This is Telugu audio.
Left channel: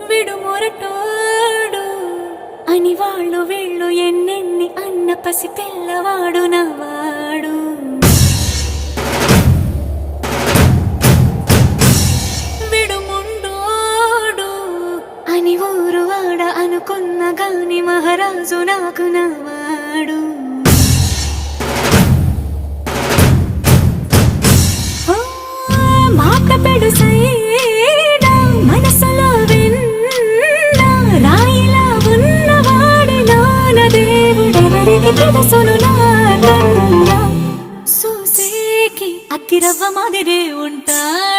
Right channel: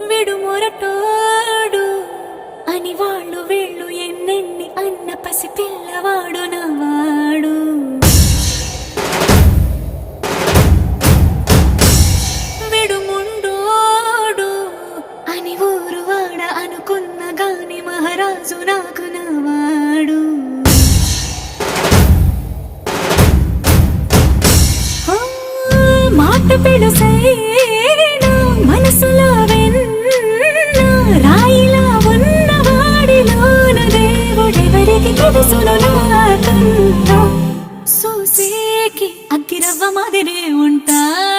విడు మొరటోడు అని వాళ్ళు వీళ్ళు ఎన్నెన్ని అన్న పసి పిల్లవాడు నవ్వాడు. విడు ముండోడు అని ఊరు వాడ అనుకున్న గాని మహారాజు నాకు నవ్వాడు. మాట పెడుసైనా మనసులో వెన్న రాయిలా ఉన్నవాడిలోన దేవుడెవరికి తెలుసును నాకన్నా. సూసేకి అగ్గిరవ్వ మాదిరే ఉంటాడు.